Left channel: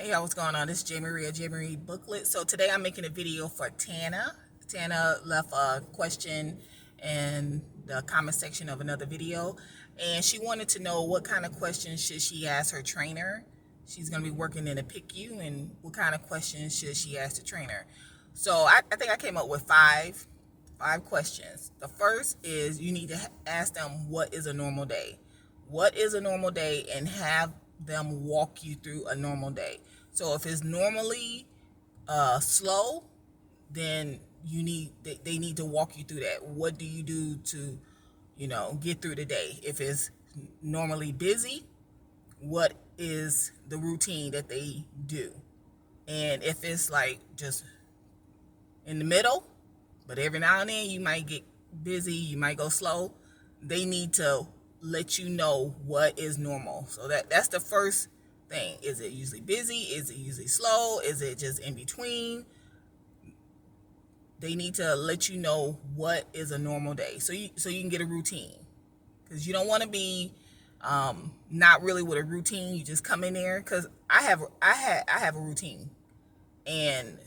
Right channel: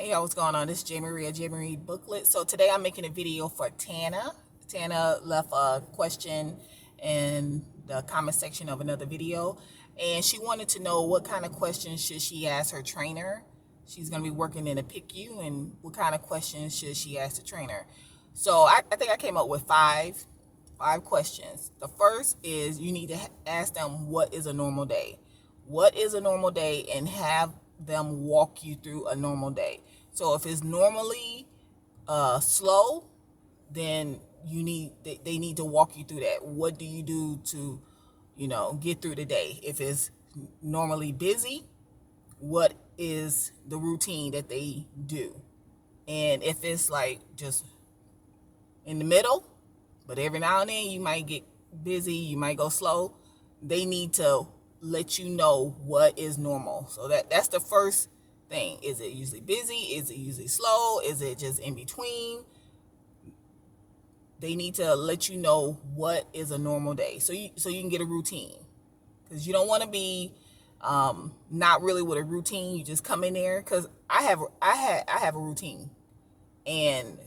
Hey, what's going on? This is J. Marie Booklet. So today I'm making a video for Tana. Tana left a question in the comment section of another video, and she wanted to know what kind of questions should she ask her trainer. She's going to be working in a PICU, and what kind of questions should she ask the trainer. So I think I came up with five questions. The first is you need to ask them, what is a normal day? What is a normal day, and have them walk you through a normal day. So if it's normally slow, then they need to walk you through that. What do you do to, get through the day? If it's normally busy, what is the routine that they do? And if it's like just in the middle, but every now and then you might get busy, you might go slow, they need to let you know what is normal. So that's the first thing. Is it usually busy? Is it usually slow? Is it just in between? They need to let you know what is a normal day, so you can get a routine, because you don't want to be not really with a routine. You just come in there, because I have a routine, and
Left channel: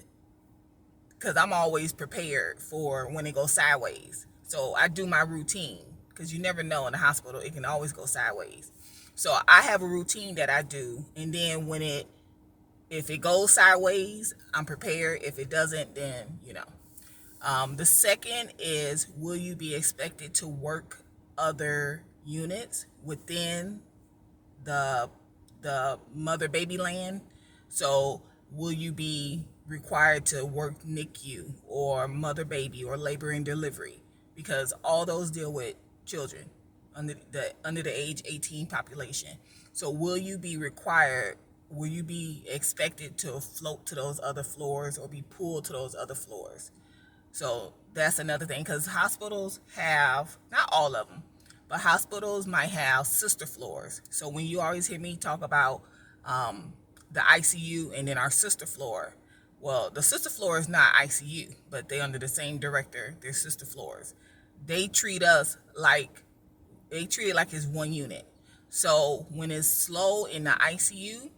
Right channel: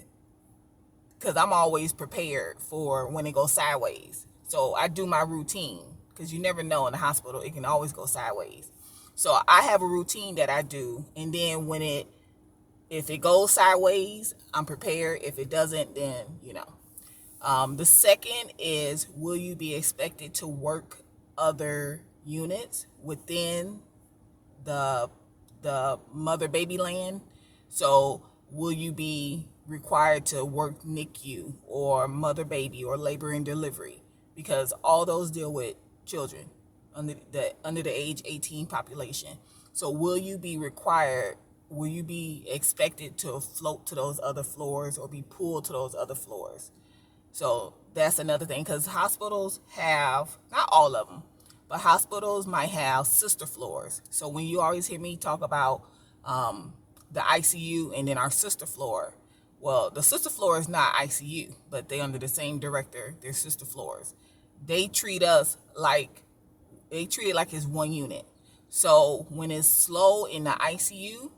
because I'm always prepared for when it goes sideways. So I do my routine, because you never know in the hospital, it can always go sideways. So I have a routine that I do, and then if it goes sideways, I'm prepared. If it doesn't, then the second is, will you be expected to work other units within the mother baby land? So will you be required to work NICU or mother baby or labor and delivery? Because all those deal with children under the age 18 population. So will you be expected to float to those other floors or be pulled to those other floors? So that's another thing, because hospitals have, not all of them, but hospitals might have sister floors. So when you always hear me talk about the ICU and then our sister floor, well, the sister floor is not ICU, but they're under the same director. They're sister floors. They treat it like it's one unit. So when it's slow in the ICU,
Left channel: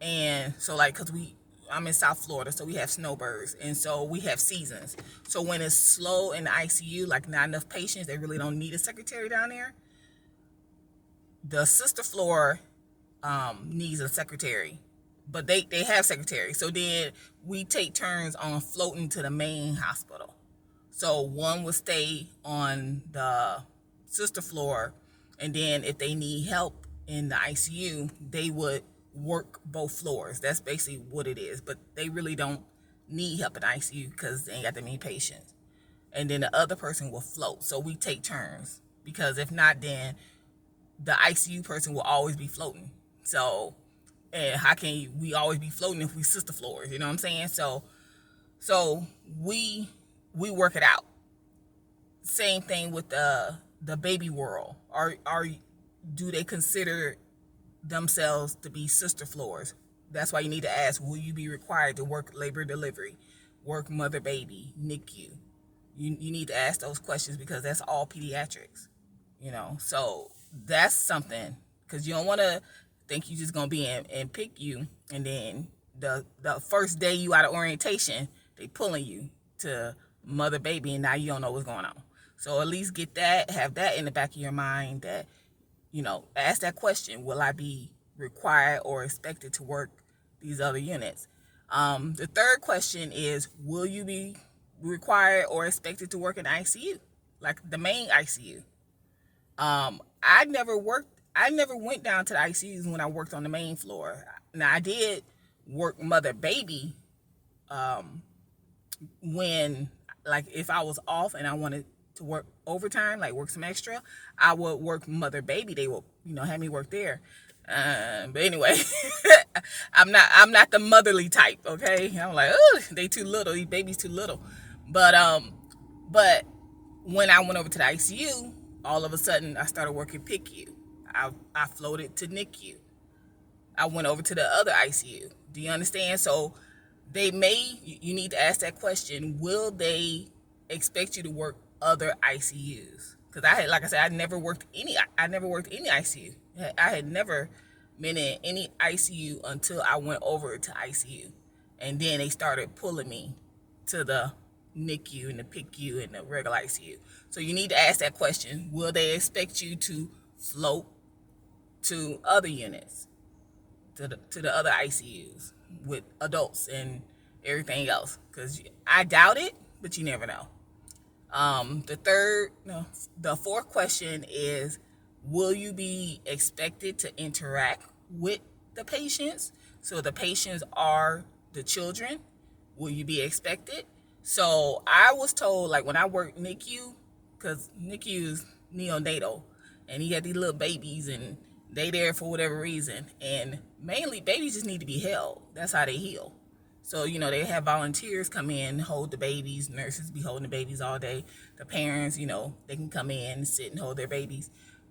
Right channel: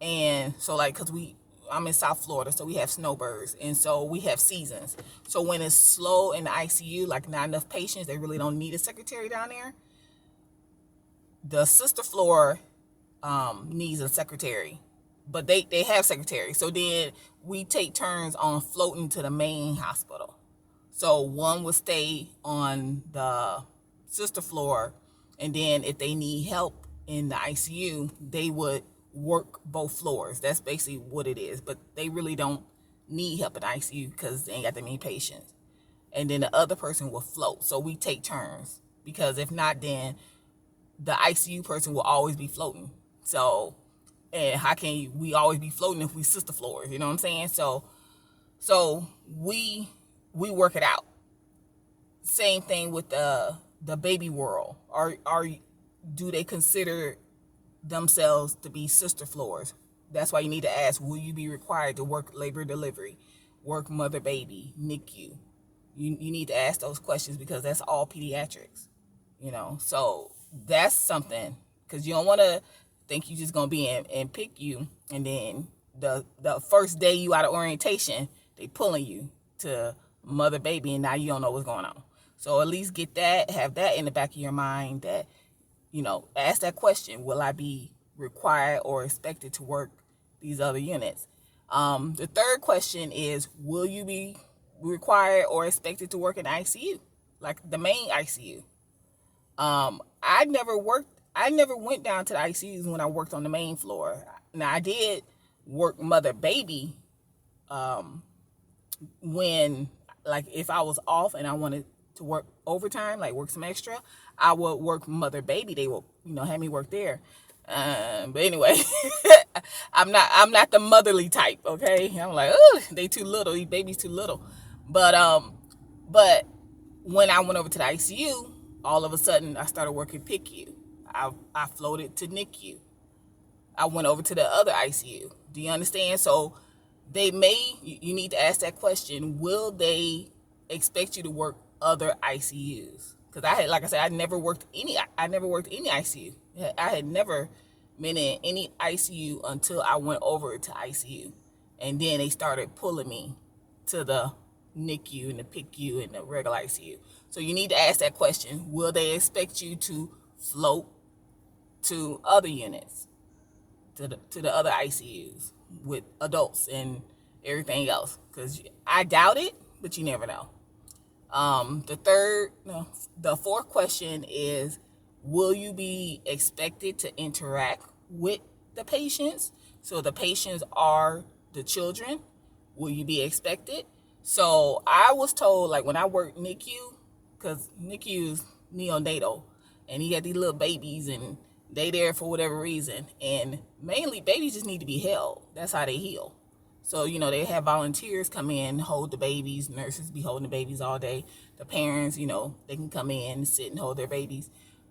and so because I'm in South Florida, so we have snowbirds, and so we have seasons. So when it's slow in the ICU, like not enough patients, they really don't need a secretary down there. The sister floor needs a secretary, but they have secretaries. So then we take turns on floating to the main hospital. So one will stay on the sister floor, and then if they need help in the ICU, they would work both floors. That's basically what it is. But they really don't need help in the ICU because they ain't got that many patients. And then the other person will float. So we take turns, because if not, then the ICU person will always be floating. So, and how can we always be floating if we sister floors? You know what I'm saying? So we work it out. Same thing with the baby world. Do they consider themselves to be sister floors? That's why you need to ask, will you be required to work labor delivery, work mother baby, NICU? You need to ask those questions, because that's all pediatrics. So that's something, because you don't want to think you're just going to be in PICU, and then the first day you out of orientation, they pulling you to mother baby, and now you don't know what's going on. So at least have that in the back of your mind, that ask that question, will I be required or expected to work these other units? The third question is, will you be required or expected to work in ICU, like the main ICU? I never went down to the ICUs when I worked on the main floor. Now, I did work mother baby when, like, if I was off and I wanted to work overtime, like work some extra, I would work mother baby. They will, have me work there. But anyway, I'm not the motherly type. Okay, I'm like, oh, they too little. These babies too little. But when I went over to the ICU, all of a sudden I started working PICU. I floated to NICU. I went over to the other ICU. Do you understand? So you need to ask that question. Will they expect you to work other ICUs? Because like I said, I never worked any ICU. I had never meaning any ICU until I went over to ICU. And then they started pulling me to the NICU and the PICU and the regular ICU. So you need to ask that question. Will they expect you to float to other units, to the other ICUs with adults and everything else? Because I doubt it, but you never know. The fourth question is, will you be expected to interact with the patients? So the patients are the children. Will you be expected? So I was told, like when I worked NICU, because NICU is neonatal, and you got these little babies, and they there for whatever reason, and mainly babies just need to be held. That's how they heal. So, they have volunteers come in, hold the babies. Nurses be holding the babies all day. The parents, they can come in and sit and hold their babies.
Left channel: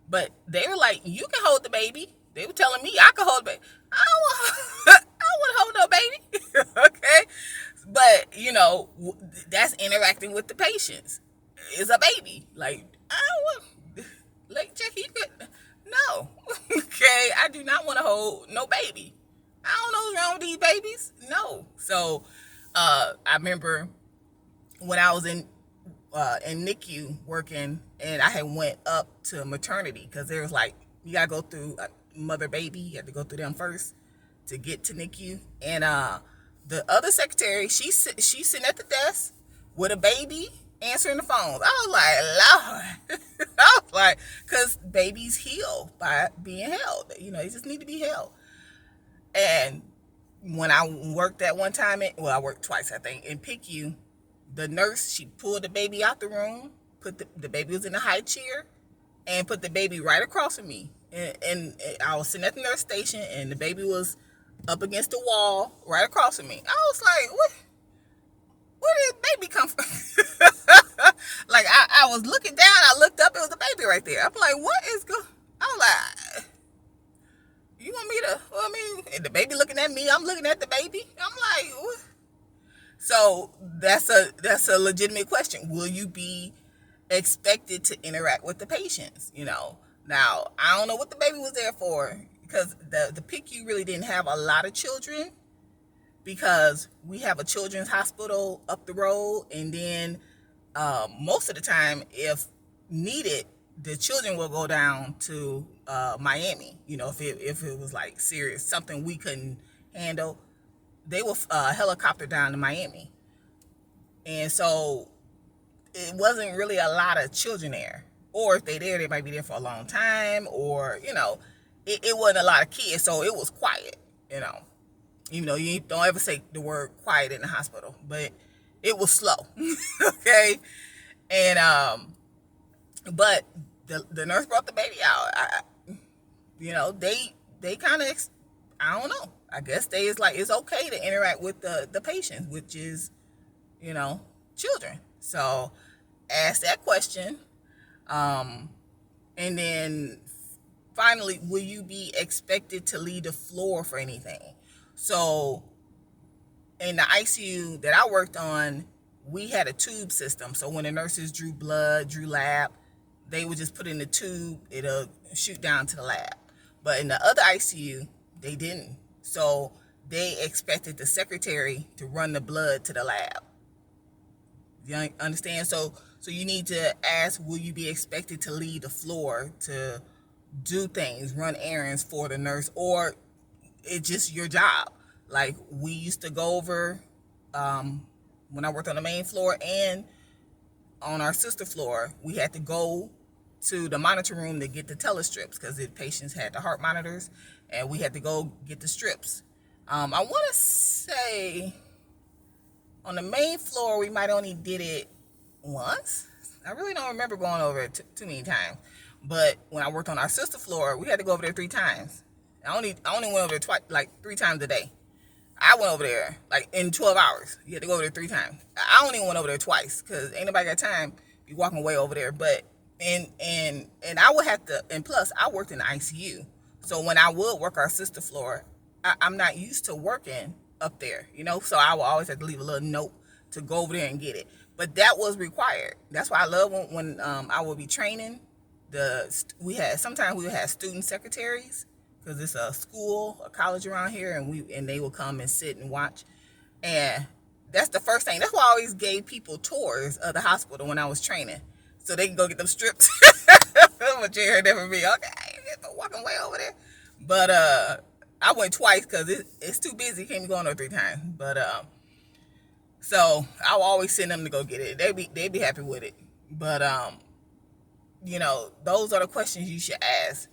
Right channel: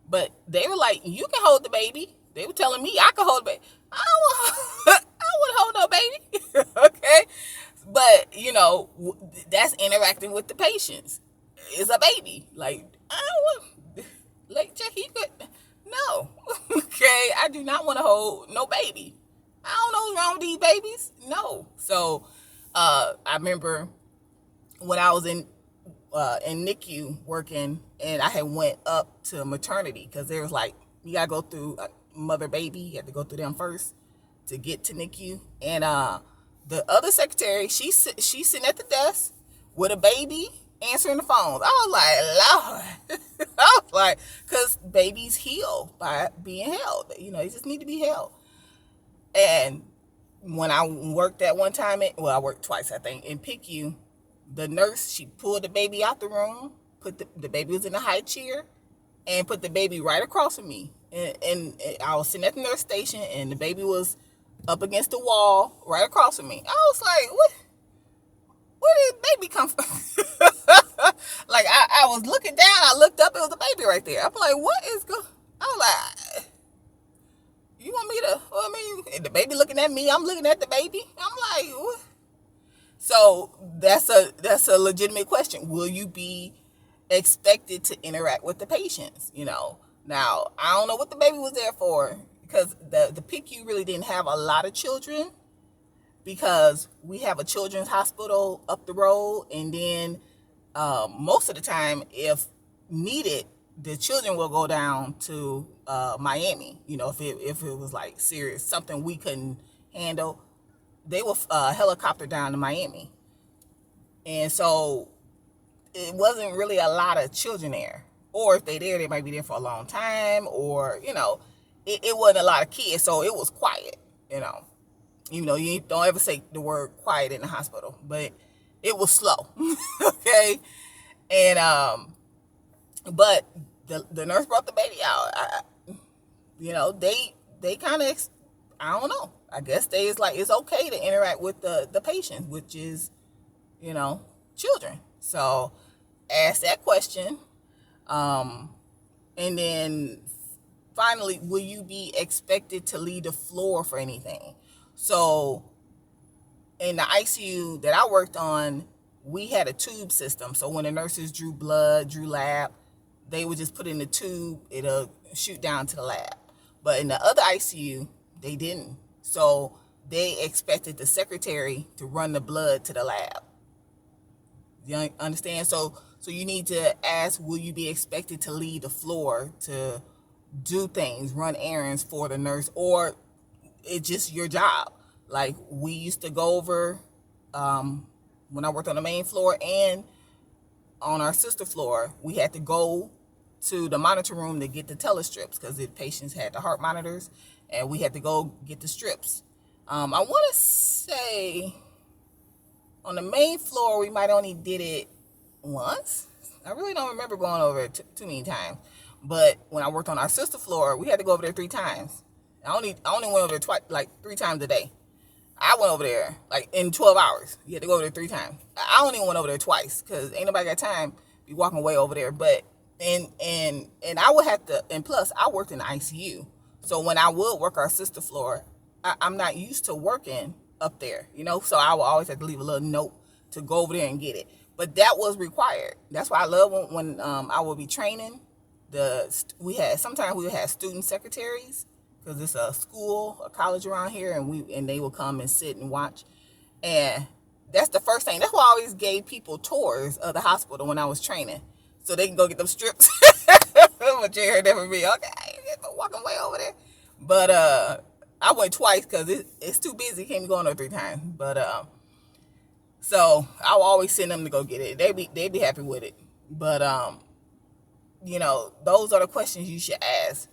But they were like, you can hold the baby. They were telling me I could hold the baby. I don't want to hold no baby. Okay? But, that's interacting with the patients. It's a baby. Like, I don't want, like, Jackie, you could, no. Okay? I do not want to hold no baby. I don't know what's wrong with these babies. No. So, I remember when I was in NICU working, and I had went up to maternity, because there was like, you gotta go through mother baby. You have to go through them first to get to NICU. And the other secretary, she's sitting at the desk with a baby answering the phones. I was like, Lord. I was like, because babies heal by being held. They just need to be held. And when I worked that one time, I worked twice, I think, in PICU, the nurse, she pulled the baby out the room, put the baby was in a high chair, and put the baby right across from me. And I was sitting at the nurse station, and the baby was up against the wall right across from me. I was like, where did baby come from? Like, I was looking down, I looked up, it was a baby right there. I'm like, what is going on? I was like, you want me to, and the baby looking at me, I'm looking at the baby. I'm like, what? So that's a legitimate question. Will you be expected to interact with the patients? Now, I don't know what the baby was there for, because the PICU really didn't have a lot of children, because we have a children's hospital up the road, and then most of the time, if needed, the children will go down to Miami. If it was like serious, something we couldn't handle, they will helicopter down to Miami. And so it wasn't really a lot of children there. Or if they there, they might be there for a long time, or, it wasn't a lot of kids, so it was quiet, you don't ever say the word quiet in the hospital, but it was slow. Okay. And but the nurse brought the baby out. They kind of, I don't know. I guess it's okay to interact with the patients, which is, children. So ask that question. And then finally, will you be expected to lead the floor for anything? So in the ICU that I worked on, we had a tube system. So when the nurses drew blood, drew lab, they would just put in the tube, it'll shoot down to the lab. But in the other ICU, they didn't. So they expected the secretary to run the blood to the lab. You understand? So you need to ask, will you be expected to lead the floor, to do things, run errands for the nurse, or it's just your job? Like, we used to go over, when I worked on the main floor and on our sister floor, we had to go to the monitor room to get the telestrips, because the patients had the heart monitors, and we had to go get the strips. I want to say on the main floor, we might only did it once. I really don't remember going over it too many times. But when I worked on our sister floor, we had to go over there 3 times. I only went over there twice, like 3 times a day. I went over there like in 12 hours. You had to go over there 3 times. I only went over there twice, because ain't nobody got time to be walking way over there. But and I would have to, and plus I worked in the ICU. So when I would work our sister floor, I'm not used to working up there, so I would always have to leave a little note to go over there and get it. But that was required. That's why I love when I would be training. Sometimes we would have student secretaries because it's a school, a college around here, and they will come and sit and watch. And that's the first thing. That's why I always gave people tours of the hospital when I was training, so they can go get them strips. But you heard that from me. Okay, walking way over there. But I went twice because it's too busy. Can't be going there 3 times. But so I'll always send them to go get it. They be happy with it. But those are the questions you should ask.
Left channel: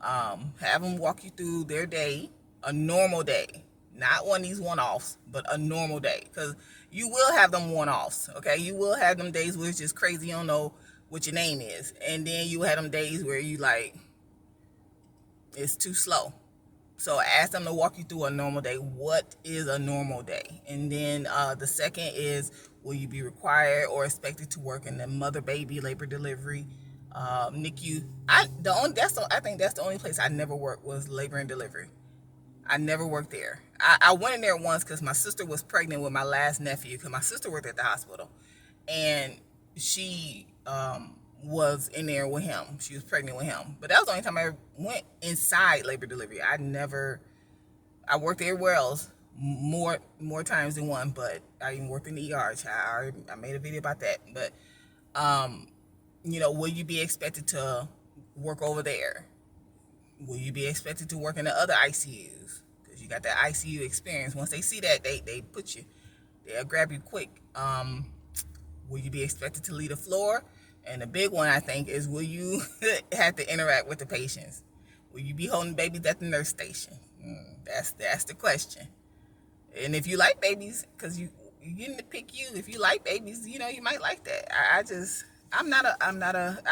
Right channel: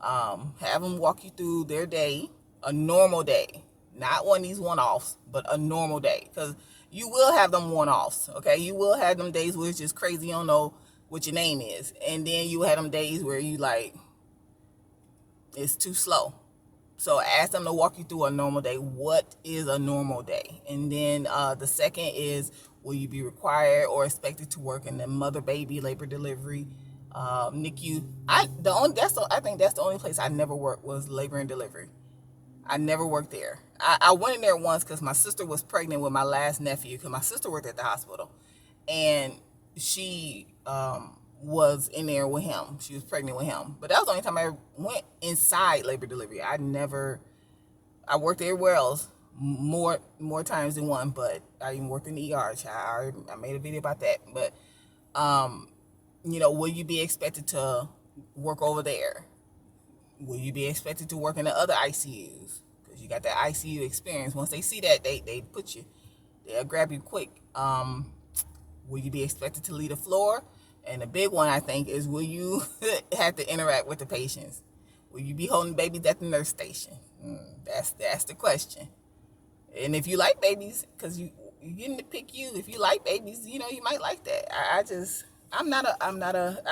Have them walk you through their day, a normal day, not one of these one-offs, but a normal day, because you will have them one-offs. Okay, you will have them days where it's just crazy. You don't know what your name is, and then you have them days where you like it's too slow. So ask them to walk you through a normal day. What is a normal day? And then the second is, will you be required or expected to work in the mother, baby, labor, delivery, NICU? I think that's the only place I never worked was labor and delivery. I never worked there. I went in there once because my sister was pregnant with my last nephew, because my sister worked at the hospital, and she was in there with him. She was pregnant with him. But that was the only time I went inside labor delivery. I worked everywhere else more times than one, but I even worked in the ER. I made a video about that. But, will you be expected to work over there? Will you be expected to work in the other ICUs? Because you got that ICU experience. Once they see that, they'll grab you quick. Will you be expected to lead a floor? And the big one, I think, is, will you have to interact with the patients? Will you be holding babies at the nurse station? That's the question. And if you like babies, because you getting to pick you, if you like babies, you might like that. I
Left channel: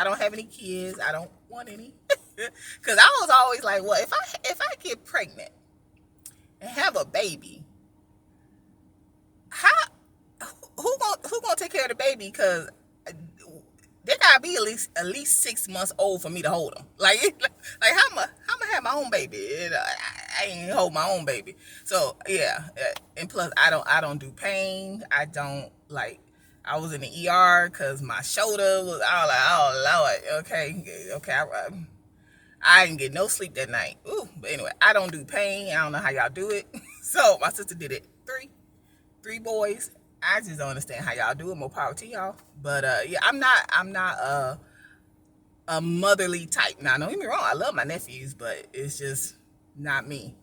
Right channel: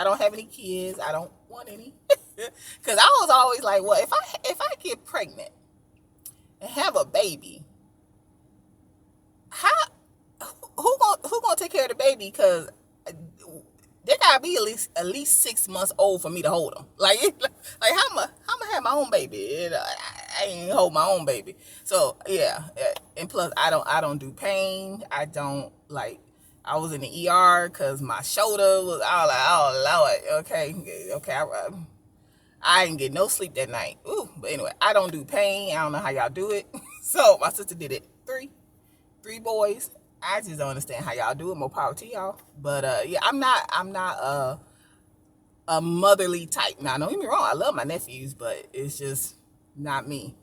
don't have any kids. I don't want any. Because I was always like, well, if I get pregnant and have a baby, who gonna take care of the baby? Because they gotta be at least 6 months old for me to hold them. Like how am I have my own baby? I ain't hold my own baby. So yeah, and plus I don't do pain. I don't like. I was in the ER because my shoulder was. I was like, oh Lord, okay. I didn't get no sleep that night. Ooh, but anyway, I don't do pain. I don't know how y'all do it. So my sister did it. Three boys. I just don't understand how y'all do it. More power to y'all. But yeah, I'm not a motherly type. Now, don't get me wrong. I love my nephews, but it's just not me.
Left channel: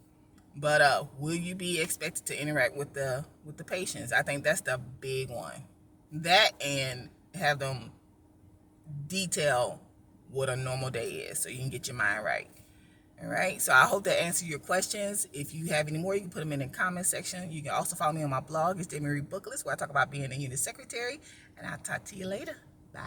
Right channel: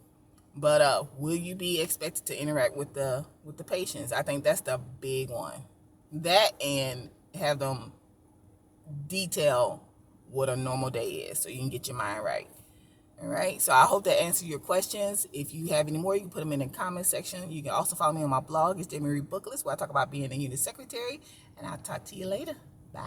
But will you be expected to interact with the patients? I think that's the big one. That, and have them detail what a normal day is, so you can get your mind right. All right, so I hope that answered your questions. If you have any more, you can put them in the comment section. You can also follow me on my blog. It's Jamie Reed Booklist, where I talk about being a unit secretary. And I'll talk to you later. Bye.